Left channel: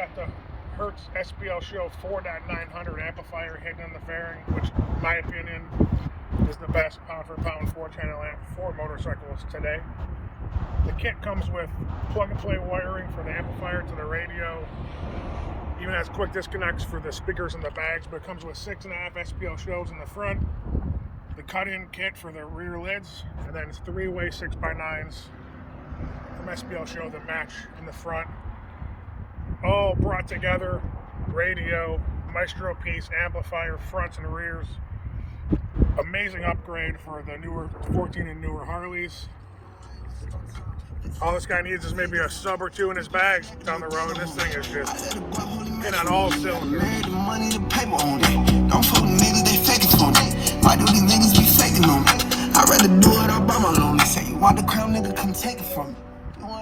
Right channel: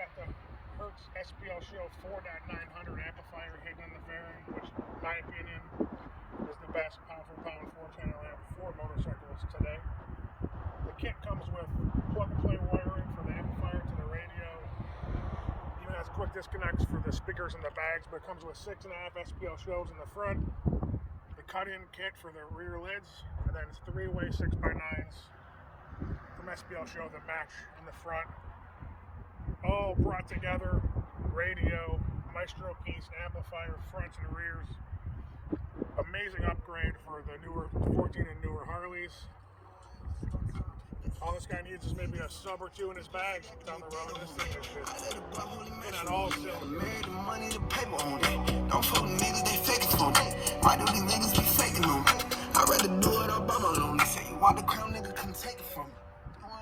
got the Hertz SPL Show 4.900 amplifier hidden in the fairing, which, in my opinion, is the best pound-for-pound 4-channel amp for motorcycles today. The kit comes with plug-and-play wiring for the amplifier to the radio. Even has quick disconnects for the speakers in the bags, but it comes with 6.5 SPL shows in the front, the cut-in kit for the rear lids, and then 3-way 6x9s from SPL show that match in the front. All brought together, radio, Maestro piece, amplifier, fronts and rears. Amazing upgrade for the newer 14 and newer Harleys. All this guy needs is maybe a sub or two in his bag down the road. This thing is just hitting on all cylinders. Why do these niggas be faking on me? I'd rather do it all by my loan. They say you want the crown, nigga, come take it from me.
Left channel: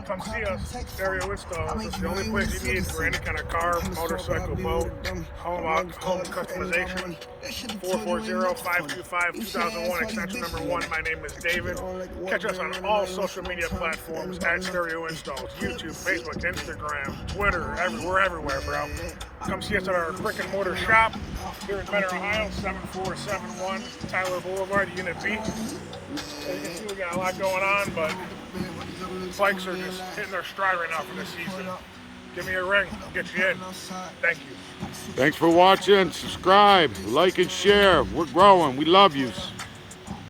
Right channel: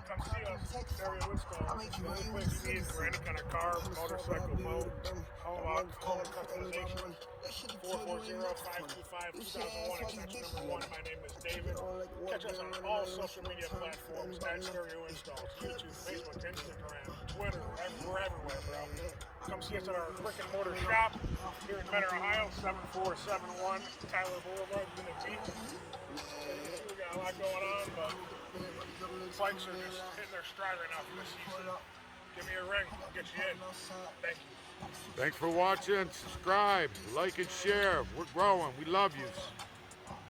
Come see us, Stereo Installs. It's the only place you need for any kind of car, motorcycle, boat, home customization. 440-525-2001, extension number 1. My name is David. Catch us on all social media platforms at Stereo Installs. YouTube, Facebook, Instagram, Twitter, we're everywhere, bro. Come see us at our brick and mortar shop here in Mentor, Ohio, 7471 Tyler Boulevard, Unit B. So you can see we got a lot going on, but bikes are just hitting their stride right now for this season. Give me a ring, I'll get you in. Thank you. Thanks for watching. Subscribe, like, and share. We're growing. We love you.